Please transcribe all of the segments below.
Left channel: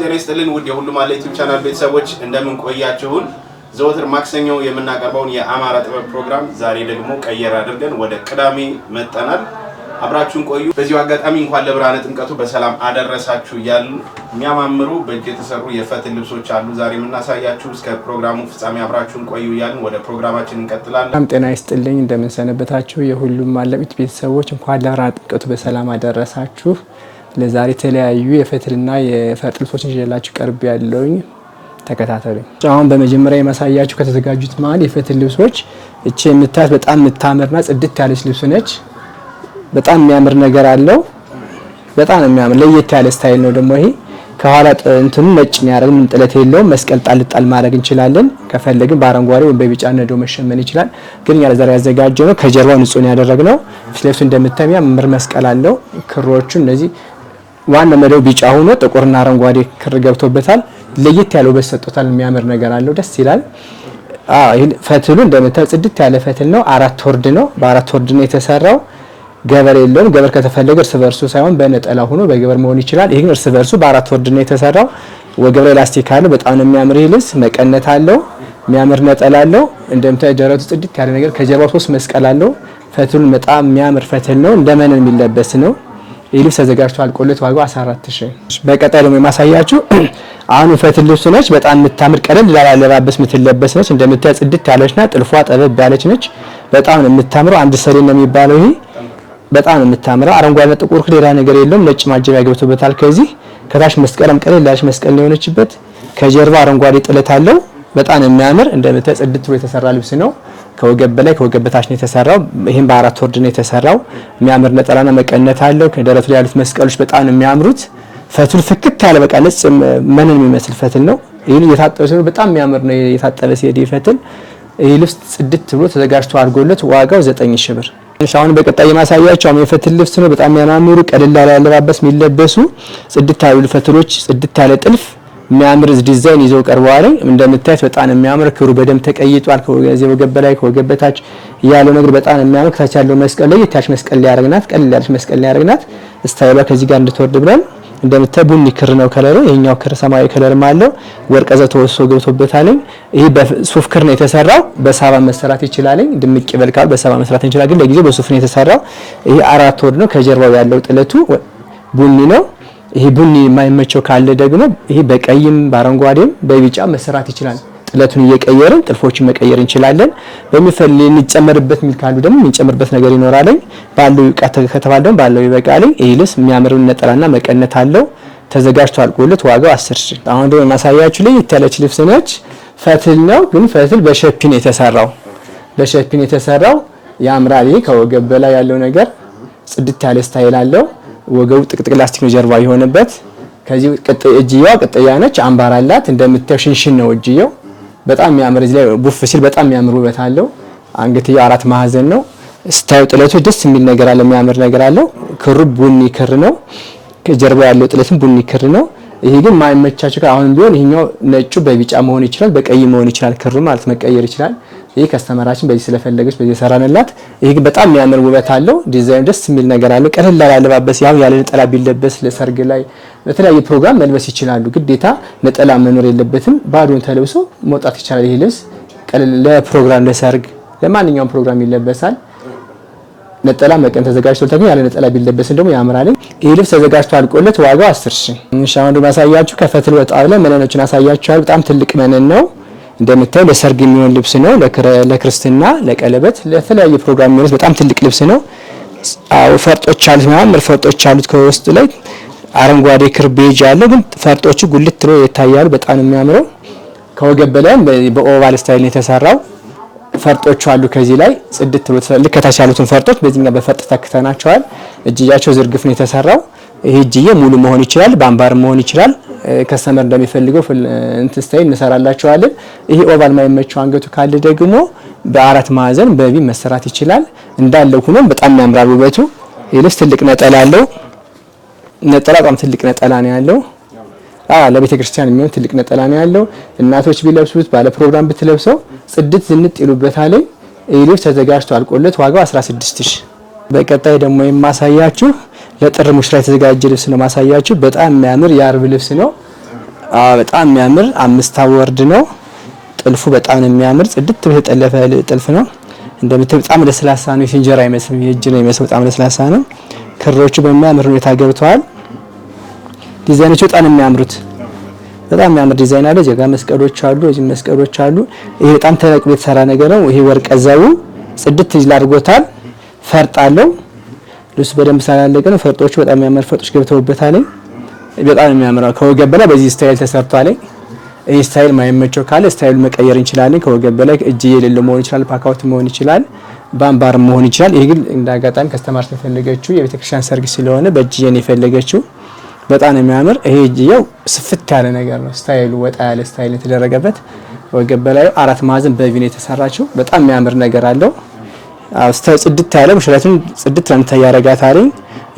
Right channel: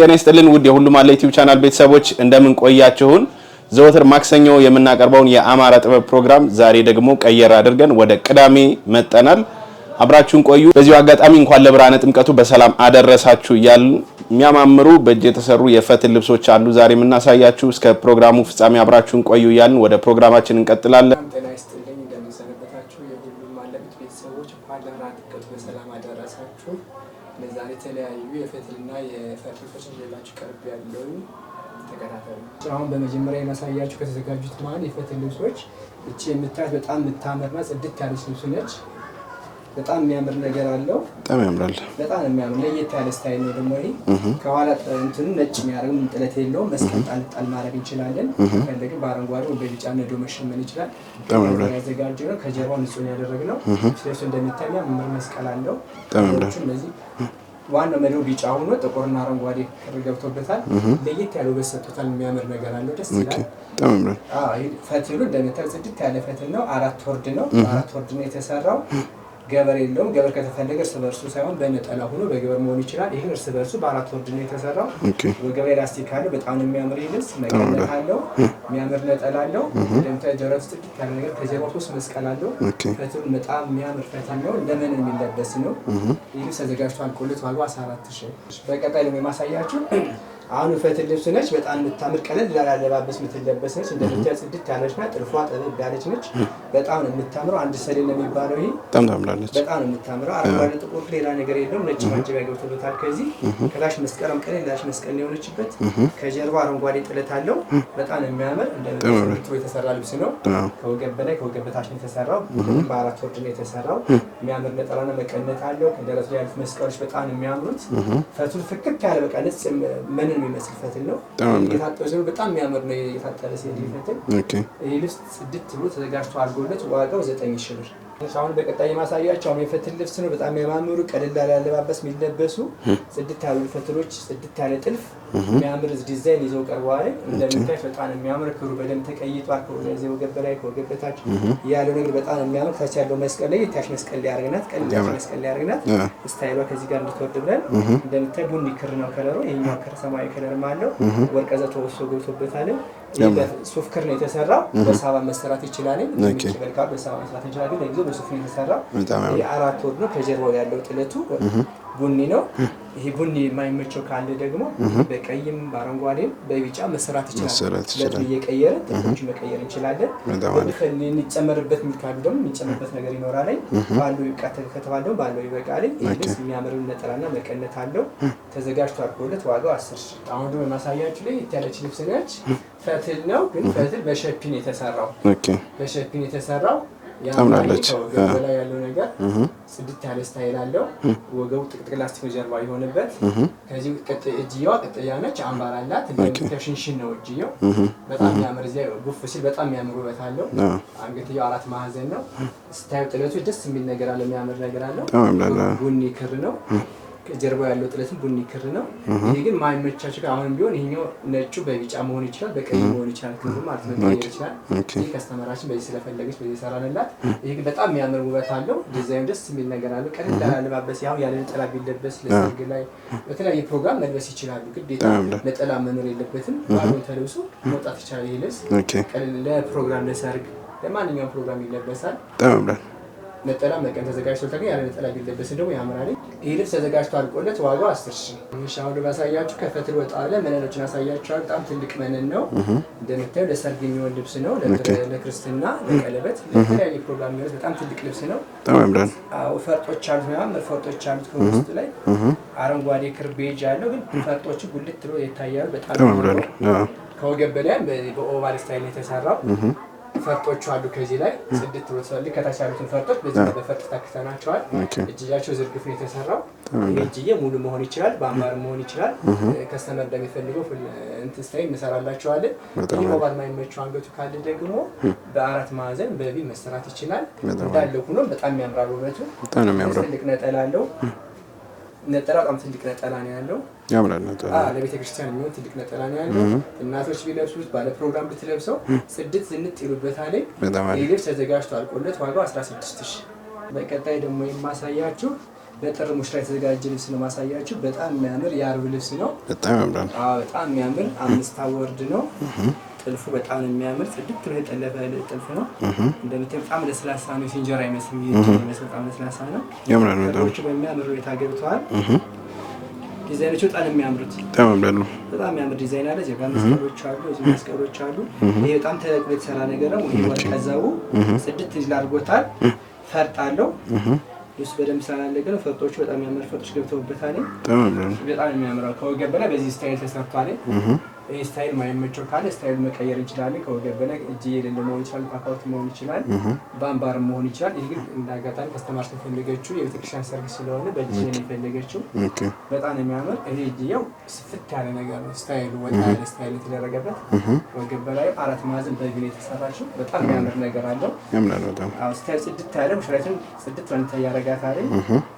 ጤና ይስጥልን ውድ የሁሉም አለ ዩቲዩብ ቻናል ቤተሰቦች እንደምን ቆያችሁን? ዘወትር ማክሰኞ የምናቀርበውን የአማራ ጥበብ ፕሮግራም ዛሬ ደግሞ ቀየር አድርገን ወደ ቅዳሜ መጣናል። አብራችሁን ቆዩ። በዚሁ አጋጣሚ እንኳን ለብርሃነ ጥምቀቱ በሰላም አደረሳችሁ እያሉ የሚያማምሩ በእጅ የተሰሩ የፈትል ልብሶች አሉ ዛሬ የምናሳያችሁ። እስከ ፕሮግራሙ ፍጻሜ አብራችሁን ቆዩ እያልን ወደ ፕሮግራማችን እንቀጥላለን። ጤና ይስጥልኝ እንደምን ሰነበታችሁ የሁሉም አለ ዩቲዩብ ቤተሰቦች፣ እንኳን ለብርሃነ ጥምቀቱ በሰላም አደረሳችሁ። ለዛሬ የተለያዩ የፈትልና የፈርጥ ልብሶችን ይዤላችሁ ቀርብ ያለውኝ ተከታተሉ። አሁን በመጀመሪያ የማሳያችሁ ከተዘጋጁት መሀል የፈትል ልብሶች እቺ የምታዩት በጣም የምታምርና ጽድት ያለች ልብስ ነች። በጣም የሚያምር ነገር አለው። በጣም የሚያምር ለየት ያለ ስታይል ነው። ደግሞ ይሄ ከኋላ እንትኑ ነጭ ነው ያደረግን፣ ምን ጥለት የለውም። መስቀል ጣል ጣል ማድረግ እንችላለን። ከፈለግን በአረንጓዴ ወይ በቢጫ ነዶ መሸመን ይችላል። ግን ያ ዘር ያዘጋጀው ነው። ከጀርባው ንጹህ ነው ያደረግነው። ልብሱ እንደምታዩ የሚያምር መስቀል አለው። ክሮቹ እነዚህ ዋና መደው ቢጫ ሆኖ ጥቁርና አረንጓዴ ክር ገብቶበታል። ለየት ያለው በሰጥቶታል። የሚያምር ነገር አለው። ደስ ይላል። ይሄ ፈትሉ እንደምታዩ ጽድት ያለ ፈትል ነው። 4 ወርድ ነው። በ4 ወርድ ነው የተሰራው። ገበር የለውም። ገበር ከተፈለገ እርስ በርሱ ሳይሆን በነጠላ ሆኖ በገበር መሆን ይችላል። ይሄ ግን እርስ በርሱ በ4 ወርድ ነው የተሰራው። ወገብ ላይ ላስቲክ አለው። በጣም ነው የሚያምር ልብስ። መቀነት አለው። የሚያምር ነጠላ አለው። እንደምታዩ ደረቱ ጽድት ያለ ነገር፣ ከጀርባው 3 መስቀል አለው። ፈትሉ በጣም የሚያምር ፈትል ነው። እንደመነን የሚለበስ ነው። ይህ ልብስ ተዘጋጅቶ አልቆለት ዋጋው 14000። በቀጣይ ደግሞ የማሳያችሁ አሁን ፈትል ልብስ ነች። በጣም የምታምር ቀለል ላለ አለባበስ የምትለበስ ነች። እንደምታዩ ጽድት ያለችና ጥልፏ ጠበብ ያለች ነች። በጣም ነው የምታምረው። አንድ ሰሌን ነው የሚባለው። ይሄ በጣም ነው የምታምረው። አረንጓዴ ጥቁር ሌላ ነገር የለውም። ነጭ ማጀቢያ ገብቶበታል። ከዚህ ከታች መስቀልም ቀለል ያለች መስቀል ነው የሆነችበት። ከጀርባ አረንጓዴ ጥለት አለው። በጣም የሚያምር እንደምታዩ ጽድት ብሎ የተሰራ ልብስ ነው። ከወገብ በላይ ከወገብ በታች ነው የተሰራው። ይሄን በ4 ወርድ ነው የተሰራው። የሚያምር ነጠላና መቀነት አለው። ከደረቱ ላይ ያሉት መስቀሎች በጣም ነው የሚያምሩት። ፈትሉ ፍክት ያለ በቃ ነጭ መነን የሚመስል ፈትል ነው። ይሄን የታጠበ ሲሆን በጣም የሚያምር ነው። የታጠበ ሲሄድ ፈትል ይሄ ልብስ ጽድት ብሎ ተዘጋጅቶ አድርጎለት ዋጋው 9000 ብር። አሁን በቀጣይ የማሳያቸው የፈትል ልብስ ነው። በጣም የሚያማምሩ ቀለል ያለ አለባበስ የሚለበሱ ጽድት ያሉ ፈትሎች፣ ጽድት ያለ ጥልፍ የሚያምር ዲዛይን ይዘው ቀርበዋል። እንደምታዩት በጣም የሚያምር ክሩ በደንብ ተቀይጧል። ከዚህ ወገብ በላይ ከወገብ በታች ያለው ነገር በጣም የሚያምር። ከታች ያለው መስቀል ላይ የታች መስቀል ሊያረግናት ቀለል ያለች መስቀል ሊያረግናት ስታይሏ ከዚህ ጋር እንድትወርድ ብለን እንደምታዩ ቡኒ ክር ነው ከለሩ። ይሄኛው ክር ሰማያዊ ከለርም አለው። ወርቀ ዘ ተወሶ ገብቶበታል። ይሄ በሱፍ ክር ነው የተሰራው። በሳባ መሰራት ይችላል። ድምቅ ይበልካል። በሳባ መስራት እንችላለን። ግን ለጊዜው በሱፍ ነው የተሰራው። ይሄ 4 ወርድ ነው። ከጀርባው ያለው ጥለቱ ቡኒ ነው። ይሄ ቡኒ የማይመቸው ካለ ደግሞ ይሄ በቀይም በአረንጓዴም በቢጫ መሰራት ይችላል። ጥለቱን እየቀየርን ጥልፎችን መቀየር እንችላለን። በሚፈልግ እንጨምርበት ሚል ካሉ ደግሞ እንጨምርበት ነገር ይኖራል። ባለው ከተባለ ደግሞ ባለው ይበቃል። ይሄ ልብስ የሚያምር ነጠላና መቀነት አለው። ተዘጋጅቶ አልቆለት ዋጋው 10000። አሁን ደግሞ ማሳያችሁ ላይ የተለች ልብስ ነች። ፈትል ነው ግን ፈትል በሸፒን የተሰራው በሸፒን የተሰራው ያምራል። ይሄ ከወገብ በላይ ያለው ነገር ጽድት ያለ ስታይል አለው። ወገቡ ጥቅጥቅ ላስቲክ ነው ጀርባ የሆነበት። ከዚህ እጅየዋ ቅጥያ ነች። አምባር አላት። እንደምታዩ ሽንሽን ነው እጅየው። በጣም የሚያምር እዚህ ላይ ቡፍ ሲል በጣም የሚያምር ውበት አለው። አንገትየው 4 ማዕዘን ነው። ስታዩ ጥለቱ ደስ የሚል ነገር አለ። የሚያምር ነገር አለው። ክሩ ቡኒ ክር ነው። ከጀርባ ያለው ጥለትም ቡኒ ክር ነው። ይሄ ግን ማይመቻቸው አሁን ቢሆን ይሄኛው ነጩ በቢጫ መሆን ይችላል፣ በቀይ መሆን ይችላል። ክሩ ማለት መቀየር ይችላል። ይሄ ከስተመራችን በዚህ ስለፈለገች በዚህ ሰራንላት። ይሄ ግን በጣም የሚያምር ውበት አለው። ዲዛይን ደስ የሚል ነገር አለው። ቀለል ያለ አለባበስ ያው ያለ ነጠላ ቢለበስ ለሰርግ ላይ በተለያየ ፕሮግራም መልበስ ይችላሉ። ግዴታ ነጠላ መኖር የለበትም። ባዶን ተለብሶ መውጣት ይችላል። ይሄ ልብስ ቀለል ለፕሮግራም ለሰርግ ለማንኛውም ፕሮግራም ይለበሳል። ነጠላ መቀን ተዘጋጅቶ ተገኘ ያለ ነጠላ ቢለበስ ደግሞ ያምራል። ይሄ ልብስ ተዘጋጅቶ አልቆለት ዋጋው 10000። አሁን ደግሞ ማሳያችሁ ከፈትል ወጣ ብለን መነኖችን አሳያችኋለሁ። በጣም ትልቅ መነን ነው። እንደምታዩ ለሰርግ የሚሆን ልብስ ነው። ለክርስትና፣ ለቀለበት፣ ለተለያየ ፕሮግራም የሚሆን በጣም ትልቅ ልብስ ነው። አዎ ፈርጦች አሉት። ማምር ፈርጦች አሉት። ከውስጥ ላይ አረንጓዴ ክር ቤጅ አለው። ግን ፈርጦቹ ጉልት ብለው ይታያሉ። በጣም ነው የሚያምረው። ከወገብ በላይም በኦቫል ስታይል ነው የተሰራው። ፈርጦች አሉ። ከዚህ ላይ ጽድት ብሎ ልክ ከታች ያሉትን ፈርጦች በዚህኛ በፈርጥ ተክተናቸዋል። እጅያቸው ዝርግፍ ነው የተሰራው። ይሄ እጅዬ ሙሉ መሆን ይችላል፣ በአምባር መሆን ይችላል። ከስተመር እንደሚፈልገው እንትን ስታይል እንሰራላቸዋለን። ይሄ ኦቫል ማይመቸው አንገቱ ካለ ደግሞ በ4 ማዕዘን በቢ መሰራት ይችላል። እንዳለው ሆኖ በጣም ያምራል ውበቱ። ይልስ ትልቅ ነጠላ አለው። ነጠላ በጣም ትልቅ ነጠላ ነው ያለው። ለቤተ ክርስቲያን የሚሆን ትልቅ ነጠላ ነው ያለው። እናቶች ቢለብሱት ባለ ፕሮግራም ብትለብሰው ጽድት ዝንጥ ይሉበታል። ይሄ ልብስ ተዘጋጅቶ አልቆለት ዋጋው 16000። በቀጣይ ደግሞ የማሳያችሁ ለጥር ሙሽራ የተዘጋጀ ልብስ ነው ማሳያችሁ። በጣም የሚያምር የአርብ ልብስ ነው። በጣም የሚያምር 5 ወርድ ነው። ጥልፉ በጣም የሚያምር ጽድት ብሎ የተጠለፈ ጥልፍ ነው። እንደምታዩት በጣም ለስላሳ ነው። የእንጀራ አይመስልም፣ የእጅ ነው የሚመስለው። በጣም ለስላሳ ነው። ክሮቹ በሚያምር ሁኔታ ገብተዋል። ዲዛይኖቹ በጣም የሚያምሩት በጣም የሚያምር ዲዛይን አለ። እዚህ ጋር መስቀሎች አሉ፣ እዚህ መስቀሎች አሉ። ይሄ በጣም ተለቅሞ የተሰራ ነገር ነው። ይሄ ወርቀ ዘቡ ጽድት ይላርጎታል። ፈርጥ አለው። ልብሱ በደንብ ስላለቀ ነው። ፈርጦቹ በጣም የሚያምር ፈርጦች ገብተውበታል። በጣም የሚያምረው ከወገብ በላይ በዚህ ስታይል ተሰርቷል። ይህ ስታይል ማይመቸው ካለ ስታይሉ መቀየር እንችላለን። ከወገብ በላይ እጅ የሌለው መሆን ይችላል፣ ፓካውት መሆን ይችላል፣ ባምባር መሆን ይችላል። ይሄ ግን እንዳጋጣሚ ከስተማር የፈለገችው የቤተክርስቲያን ሰርግ ስለሆነ በእጅዬ ነው የፈለገችው። በጣም የሚያምር ይሄ እጅዬው ስፍት ያለ ነገር ነው። ስታይሉ ወጣ ያለ ስታይል የተደረገበት ወገብ በላይ 4 ማዕዘን በቪን የተሰራችው በጣም የሚያምር ነገር አለው። ስታይል ጽድት ያለ ሙሽራቱን ጽድት ለምታይ ያረጋታል።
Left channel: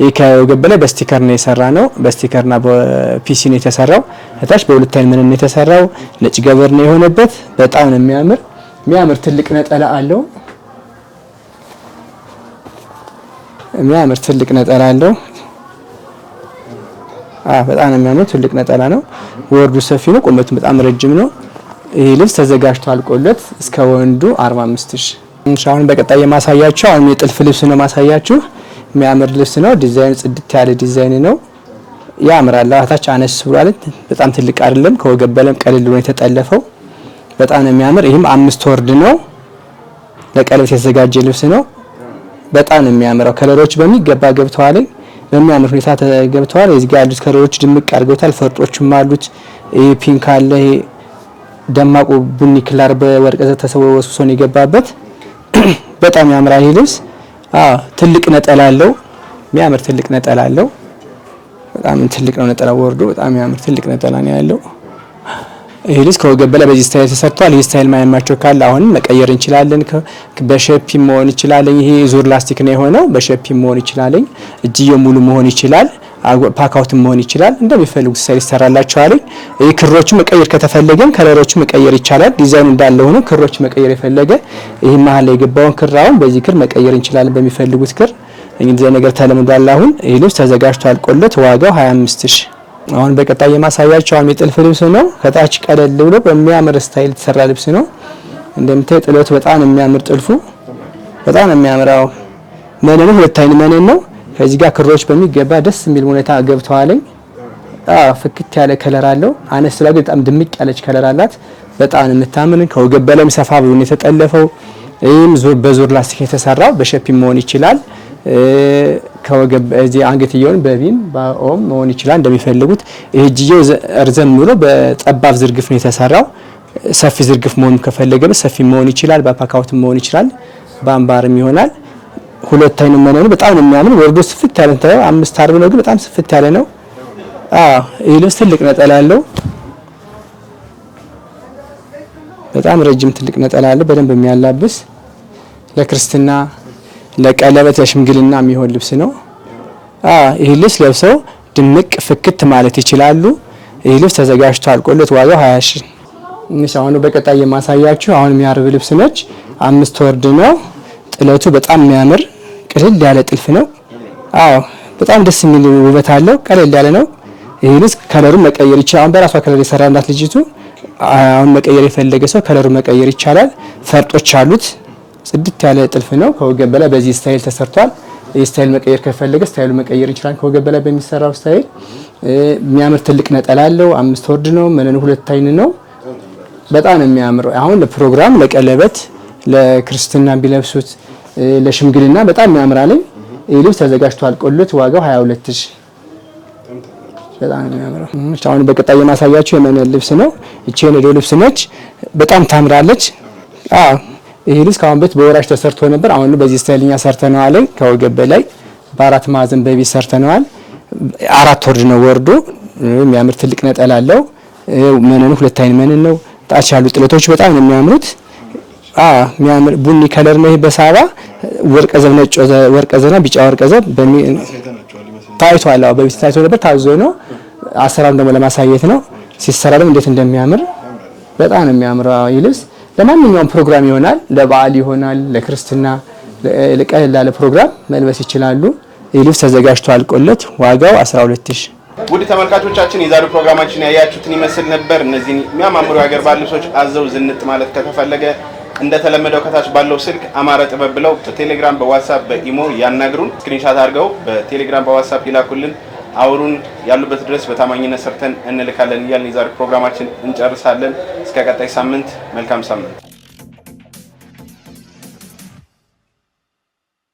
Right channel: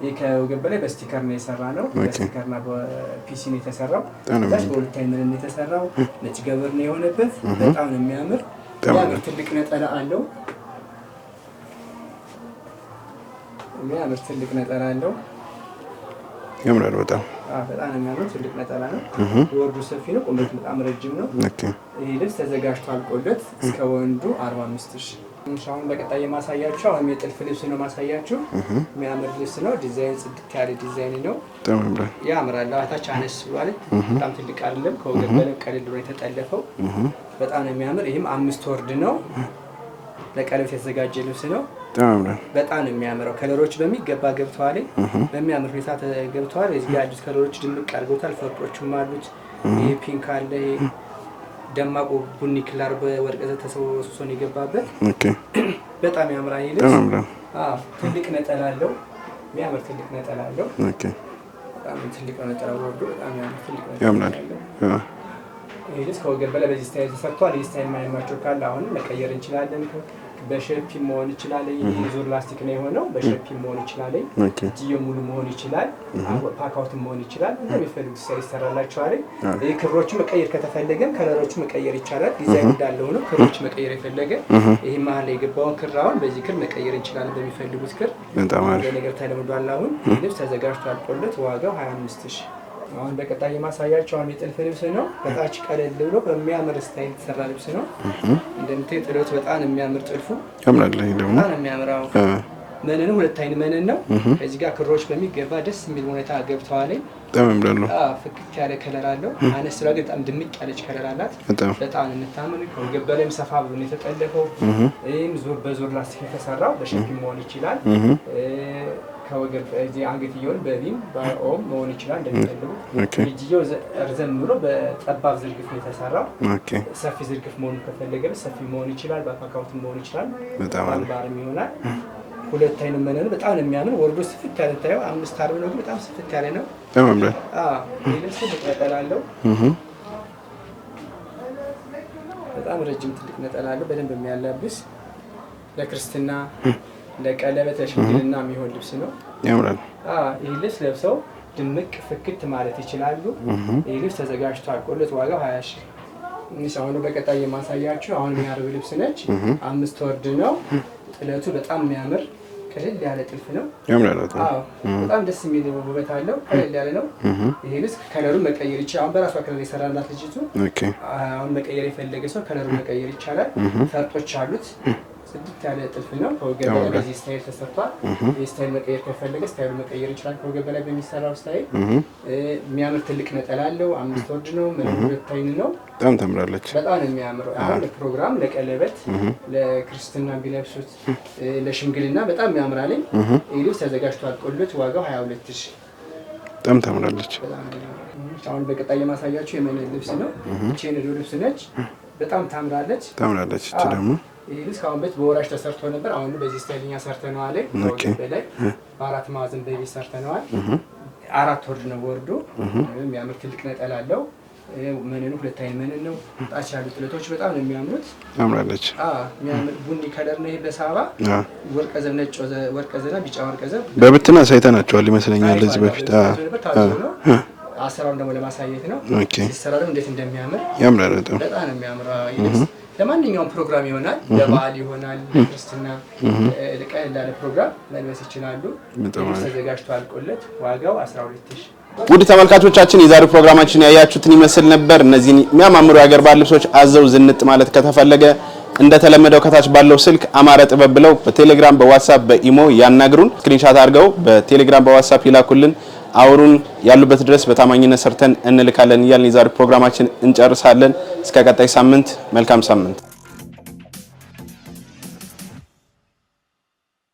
ይሄ ከወገብ በላይ በስቲከር ነው የሰራ ነው። በስቲከርና በፒሲ ነው የተሰራው። ከታች በሁለት አይን ምን ነው የተሰራው ነጭ ገበር ነው የሆነበት። በጣም ነው የሚያምር ትልቅ ነጠላ አለው። ትልቅ ነጠላ አለው። ያምራል በጣም በጣም ነው የሚያምር ትልቅ ነጠላ ነው። ወርዱ ሰፊ ነው። ቁመቱ በጣም ረጅም ነው። ይሄ ልብስ ተዘጋጅቶ አልቆለት እስከ ወንዱ 45000። አሁን በቀጣይ የማሳያችሁ አሁን የጥልፍ ልብስ ነው ማሳያችሁ። የሚያምር ልብስ ነው። ዲዛይኑ ጽድት ያለ ዲዛይን ነው። ያምራል። አታች አነስ ብሏል። በጣም ትልቅ አይደለም። ከወገብ በላይ ቀለል ብሎ የተጠለፈው በጣም ነው የሚያምር። ይሄም 5 ወርድ ነው። ለቀለበት የተዘጋጀ ልብስ ነው። በጣም ነው የሚያምረው። ከለሮች በሚገባ ገብተዋል። በሚያምር ሁኔታ ተገብተዋል። እዚህ ጋር ያሉት ከለሮች ድምቅ አድርገውታል። ፈርጦችም አሉት። ይሄ ፒንክ አለ። ይሄ ደማቁ ቡኒ ክላር በወርቅ ተሰወሱ ነው የገባበት። በጣም ያምራል። ይሄ ልብስ ትልቅ ነጠላ አለው። የሚያምር ትልቅ ነጠላ አለው። በጣም ትልቅ ነው ነጠላ ወርዶ በጣም የሚያምር ትልቅ ነጠላ ነው ያለው። ይሄ ልብስ ከወገብ በላይ በዚህ ስታይል ተሰርቷል። ይሄ ስታይል ማያማቸው ካለ አሁን መቀየር እንችላለን። በሸፒ መሆን ይችላል። ይሄ ዙር ላስቲክ ነው የሆነው። በሸፒ መሆን ይችላል። እጅየው ሙሉ መሆን ይችላል። ፓካውት መሆን ይችላል። እንደሚፈልጉት ስታይል ይሰራላችኋል። ይሄ ክሮቹ መቀየር ከተፈለገም ከለሮቹ መቀየር ይቻላል። ዲዛይኑ እንዳለ ሆኖ ክሮቹ መቀየር የፈለገ ይሄ መሀል ላይ የገባውን ክር አሁን በዚህ ክር መቀየር እንችላለን። በሚፈልጉት ክር እንግዲህ ነገር ተለምዷል። አሁን ይሄ ልብስ ተዘጋጅቶ አልቆለት ዋጋው 25000። አሁን በቀጣይ የማሳያቸው አሁን የጥልፍ ልብስ ነው። ከታች ቀለል ብሎ በሚያምር ስታይል የተሰራ ልብስ ነው። እንደምታይ ጥለቱ በጣም የሚያምር ጥልፉ በጣም የሚያምራው መነኑ 2 አይን መነን ነው። ከዚህ ጋር ክሮች በሚገባ ደስ የሚል ሁኔታ ገብተዋል። ፍክት ያለ ከለር አለው። አነስ ስላ በጣም ድምቅ ያለች ከለር አላት። በጣም የምታምር ከወገብ በላይ ሰፋ ብሎ ነው የተጠለፈው። ይሄም በዙር ላስቲክ የተሰራው በሸፒ መሆን ይችላል። ከወገብ እዚህ አንገትየውን በቪን በኦም መሆን ይችላል እንደሚፈልጉት። እጅየው እርዘም ብሎ በጠባብ ዝርግፍ ነው የተሰራው። ሰፊ ዝርግፍ መሆን ከፈለገ ሰፊ መሆን ይችላል። በፓካውት መሆን ይችላል። በአምባርም ይሆናል። 2 አይን መነኑ በጣም የሚያምር ወርዶ ስፍት ያለ ነው። 5 አርብ ነው ግን በጣም ስፍት ያለ ነው። ይሄ ልብስ ትልቅ ነጠላ አለው። በጣም ረጅም ትልቅ ነጠላ አለው። በደንብ የሚያላብስ ለክርስትና፣ ለቀለበት፣ ለሽምግልና የሚሆን ልብስ ነው። ይሄ ልብስ ለብሰው ድምቅ ፍክት ማለት ይችላሉ። ይሄ ልብስ ተዘጋጅቶ አልቆለት ዋጋው 20000። አሁን በቀጣይ የማሳያችሁ አሁን የሚያርብ ልብስ ነች። 5 ወርድ ነው። ጥለቱ በጣም የሚያምር ቀለል ያለ ጥልፍ ነው። በጣም ደስ የሚል ውበት አለው። ቀለል ያለ ነው። ይሄ ልብስ ከለሩን መቀየር ይችላል። አሁን በራሷ ከለር የሰራላት ልጅቱ አሁን መቀየር የፈለገ ሰው ከለሩን መቀየር ይቻላል። ፈርጦች አሉት። ጽድት ያለ ጥልፍ ነው። ከወገብ በላይ በዚህ ስታይል ተሰርቷል። ይህ ስታይል መቀየር ከፈለገ ስታይሉ መቀየር ይችላል። ከወገብ በላይ በሚሰራው ስታይል የሚያምር ትልቅ ነጠላ አለው። 5 ወርድ ነው። መነኑ 2 አይን ነው። በጣም የሚያምር አሁን ለፕሮግራም፣ ለቀለበት፣ ለክርስትና ቢለብሱት ለሽምግልና በጣም የሚያምራል። ይሄ ልብስ ተዘጋጅቶ አልቆለት ዋጋው 22000። በጣም ታምራለች። በጣም የሚያምረው አሁን በቀጣይ የማሳያችሁ የመነን ልብስ ነው። እቺ የኔ ልብስ ነች። በጣም ታምራለች። ይሄ ልብስ ከአሁን በፊት በወራሽ ተሰርቶ ነበር። አሁን በዚህ ስታይልኛ ሰርተነዋል። ከወገብ በላይ በ4 ማዕዘን በቢት ሰርተነዋል። 4 ወርድ ነው ወርዱ። የሚያምር ትልቅ ነጠላ አለው። መነኑ 2 አይን መነን ነው። ታች ያሉ ጥለቶች በጣም ነው የሚያምሩት። ያምራለች። የሚያምር ቡኒ ከለር ነው። ይሄ በሳባ ወርቀ ዘብ ነጭ ወርቀ ዘብና ቢጫ ወርቀ ዘብ በብትና ሳይተናቸዋል ይመስለኛል። ታይቷል። በብት ታይቶ ነበር ታዞ ነው። አሰራም ደግሞ ለማሳየት ነው። ሲሰራ ደግሞ እንዴት እንደሚያምር ያምራል። በጣም ነው የሚያምረው። ይልስ ለማንኛውም ፕሮግራም ይሆናል። ለበዓል ይሆናል፣ ለክርስትና፣ ለቀለል ላለ ፕሮግራም መልበስ ይችላሉ። ይልስ ተዘጋጅቶ አልቆለት ዋጋው 12000። ውድ ተመልካቾቻችን የዛሬው ፕሮግራማችን ያያችሁትን ይመስል ነበር። እነዚህን የሚያማምሩ የሀገር ባህል ልብሶች አዘው ዝንጥ ማለት ከተፈለገ እንደተለመደው ከታች ባለው ስልክ አማረ ጥበብ ብለው በቴሌግራም በዋትስአፕ በኢሞ ያናግሩን። ስክሪንሻት አድርገው በቴሌግራም በዋትስአፕ ይላኩልን፣ አውሩን። ያሉበት ድረስ በታማኝነት ሰርተን እንልካለን እያልን የዛሬው ፕሮግራማችን እንጨርሳለን። እስከ ቀጣይ ሳምንት መልካም ሳምንት።